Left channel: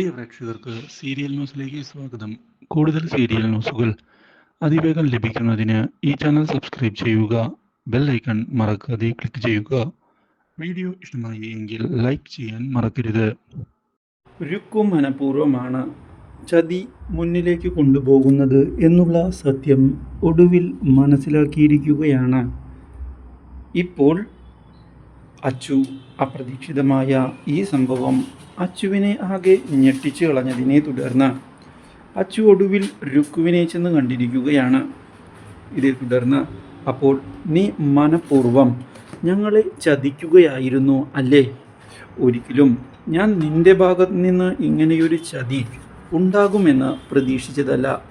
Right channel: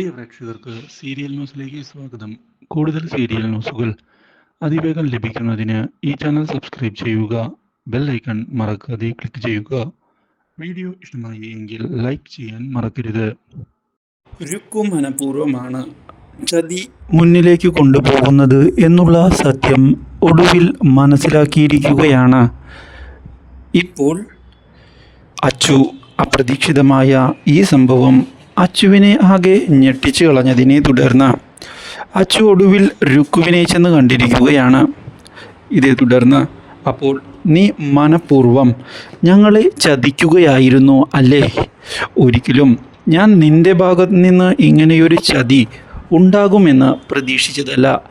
പ്രിയ പ്രേക്ഷകർക്ക് സീരിയൽ ന്യൂസിലേക്ക് സ്വാഗതം. കൂടുതൽ സീരിയൽ ന്യൂസുകൾ അതിവേഗം ലഭിക്കുന്നതിന് ഈ ചാനൽ സബ്സ്ക്രൈബ് ചെയ്യുക ബെൽ ഐക്കൺ മറക്കാതെ ക്ലിക്ക് ചെയ്യുക. വീഡിയോ ഇഷ്ടമായി എങ്കിൽ ലൈക്ക് ചെയ്യാൻ മറക്കരുത്. രുക്കു മനഃപൂർവമാണ് ചതി മുന്നിലേക്ക് കൊണ്ടുപോകുന്നത് എന്നുള്ള സത്യം ഒടുവിൽ മനസ്സിലാക്കിയിരിക്കുകയാണ്. ഇപ്പോൾ അച്ചു അപ്രതീക്ഷിതമായ ഈ സംഭവം അച്ചുവിനെ ആകെ ഞെട്ടിച്ചു കളഞ്ഞതിനെ തുടർന്ന് അച്ചു ഒടുവിൽ രുക്കുവിനെ ചെന്ന് കണ്ടിരിക്കുകയാണ്. ഇതേ തുടർന്ന് അപ്പോൾ നീ മനപൂർവം ഞങ്ങളെ ചതിക്കുകയായിരുന്നു അല്ലേ? ഒരിക്കലും ഞാൻ നിന്റെ ഭാഗത്ത് നിന്ന് ഇങ്ങനെയൊരു ചതി ഉണ്ടാകുമെന്ന് പ്രതീക്ഷിച്ചതല്ല.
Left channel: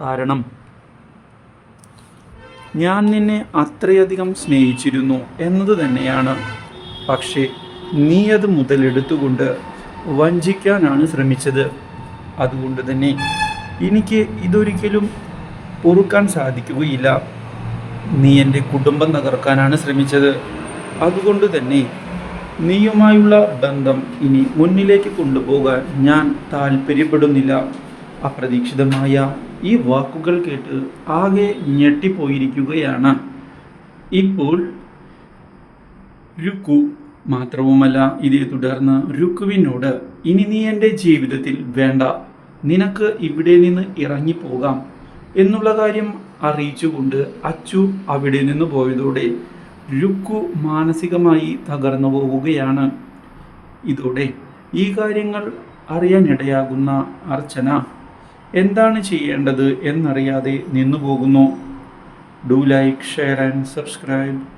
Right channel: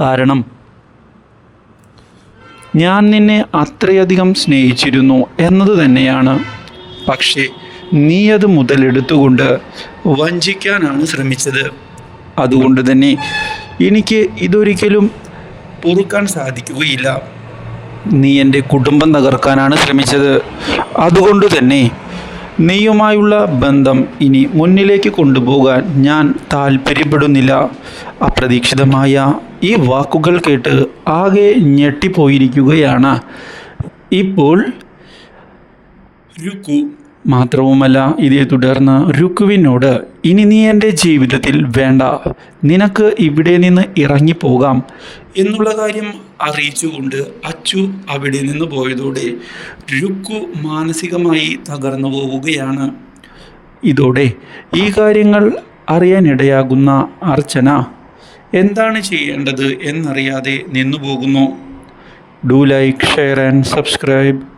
കാരണം ഞാൻ നിന്നെ അത്രയധികം സ്നേഹിച്ചിരുന്നു എന്നത് തന്നെയാണ്. പക്ഷേ നീ അത് മുതലെടുത്തുകൊണ്ട് വഞ്ചിക്കാനാണ് ശ്രമിച്ചത്. അതുകൊണ്ട് തന്നെ എനിക്ക് ഇതൊരിക്കലും പൊറുക്കാൻ സാധിക്കുകയില്ല. നീ എന്റെ കുടുംബം തകർക്കാനാണ് ശ്രമിച്ചത്. അതുകൊണ്ട് തന്നെ നീയുമായുള്ള ബന്ധം ഇനി മുന്നിലേക്ക് കൊണ്ടുപോകാൻ ഞാൻ താല്പര്യപ്പെടുന്നില്ല അപ്രതീക്ഷിതമായ ഈ വാക്കുകൾ കേട്ട് ആകെ ഞെട്ടിപ്പോയിരിക്കുകയാണ്. ഇപ്പോൾ രുക്കു. മാത്രവുമല്ല ഇതേ തുടർന്ന് രുക്കുവിനോട് ഇനി നീ എന്റെ ജീവിതത്തിൽ വേണ്ട നിനക്ക് ഇവിടെ നിന്ന് ഇറങ്ങിപ്പോകാം എന്നുള്ള കാര്യം അറിയിച്ചുകൊണ്ട് അച്ചു അവിടെ നിന്ന് പോയതോടെ രുക്കു മാനസികമായി തകർന്നു പോവുകയാണ്. ഇതോടെ ഈ കാര്യങ്ങൾ അറിയാനിടയാകുന്ന അർച്ചന എന്താണ് ചെയ്യേണ്ടത് എന്നറിയാതെ നിന്നു പോകുന്നു do like share and subscribe.